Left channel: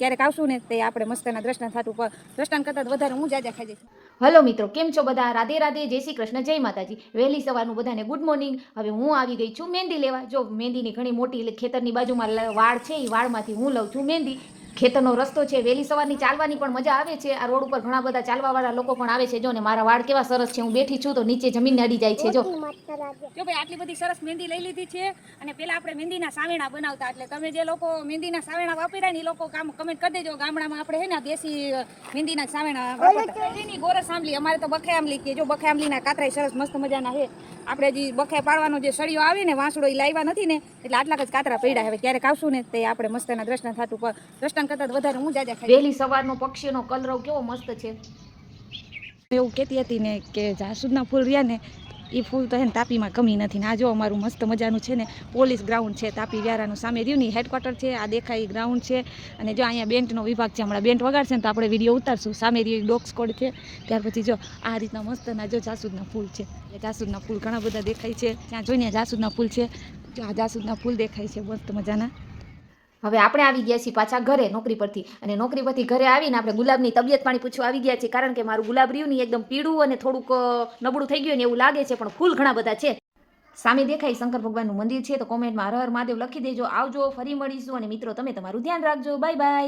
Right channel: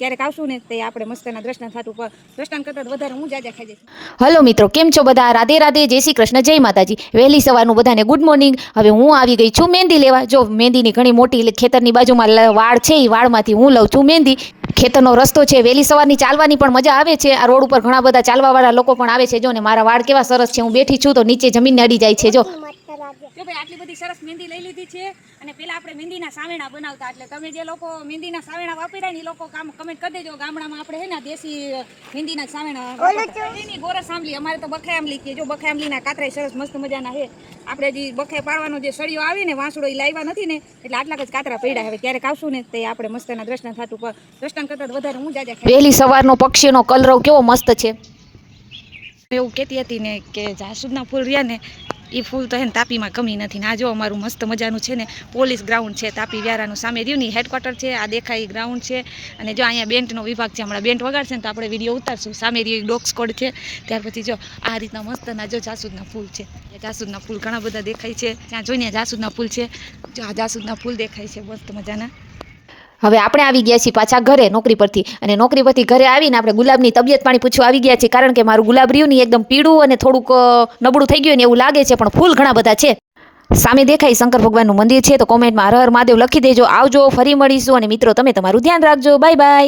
ક્યારેક આવશું ને તે આપણે મસ્તના દ્રષ્ટાંત થાતું પર દ્રષ્ટાંત કરતાં વધારે હું જાજા ખાઈ જઈશ. હલો મિત્રો, કેમ છો બધા? રાધે રાધે, જય શ્રી કૃષ્ણ, જય માતાજી. વહેલી સવારનું બધાને ગુડ મોર્નિંગ. હવે હું આવી ગઈ છું મહેંદી લેવા. જો મહેંદીની ઘણી મોટી ખેતરની બાજુમાં વાડ છે, એ વાડમાંથી હું લઉં છું મહેંદી. ખેતરનો રસ્તો છે, વહેલી સવારની ચાલવાની પણ મજા આવે છે. આ રોડ ઉપર ઘણા બધા ચાલવાવાળા લોકો પણ આવે છે. જો ને મારા વાળ કેવા સરસ છે, હું બેઠી છું તો નીચે જમીનને અડી જાય છે. જો ભાઈ આટલી બધી સરસ મહેંદી લઈ લીધી છે અને પેલા આપણે મહેંદીના સાવેણા બનાવતા, એટલે તમે જે લોકો મહેંદીના સાવેણા વાપર્યા ને એ લોકો કમેન્ટ કરી દેજો. ગામડામાં આપણે હે ને દેશી મહેંદીના સાવેણા વાપરતા. એની ગોરસ આંબલી, અમારે તો બખાઈ આંબલી કે જો બખાઈ આંબલીના કાતરાય સરસ મસ્ત મજાના છે. આપણે જે બખાઈ પાડવાનો જે સળિયો આવે ને વાંસડો એ લાવ્યા નથી ને એટલે આટલા જ કાતરા પડ્યા. હવે ક્યારેક આવશું ને તે આપણે મસ્તના દ્રષ્ટાંત થાતું પર દ્રષ્ટાંત કરતાં વધારે હું જાજા ખાઈ. વહેલી સવારનો પક્ષીનો કલરવ કેવો મસ્ત છે. એવું કહેતી હતી ને કે જાસૂદના ફૂલ રહ્યા ને એ ફૂલ તો હે ને તાપીમાં કમી નથી. ને આ જો અમારું મસ્ત મજાનું છે ને પોલીસ ગ્રાઉન્ડ છે તાપી વ્યારાનું, સામે રહ્યું ને હેડક્વાર્ટર છે. આ દેખાય ગ્રાઉન્ડ છે અને જો અહીંયા બેન્ટનો વિભાગ છે. હમણાં બેન્ટ વગાડશે ને તો આપણે વિડીયો ઉતારશું. સામે રહ્યું ડોગ સ્કોડ છે. ત્યાર પછી જો આ રીતના મસ્તના જો જાસૂદના ફૂલ છે. જાસૂદના ફૂલ ઘણા બધા દેખાય છે. ત્યાં જોઈને જાસૂદના ફૂલ છે. જો આ જાસૂદના ફૂલ દેખાય છે મસ્ત મજાના. હવે આપણે આવી ગયા છીએ પાછા ઘરે નોકરી પરથી, અને નોકરી પરથી ઘરે આવીને આપણે ગુલાબની તબિયત પાણી પૂછવા આવી ગયા છે. કારણ કે મારું ગુલાબ રહ્યું ને એકદમ પીળું અને થોડુંક નબળું થઈ ગયું ને એવું લાગે છે, પણ ફૂલ ઘણા બધા છે. સામે દેખાય શંકર ભગવાનનું મંદિર છે. તો કોમેન્ટમાં હર હર મહાદેવ લખી દેજો. આવજો, ફરી મળીશું. અને મિત્રો તમે તમારું ધ્યાન રાખજો. Bye bye.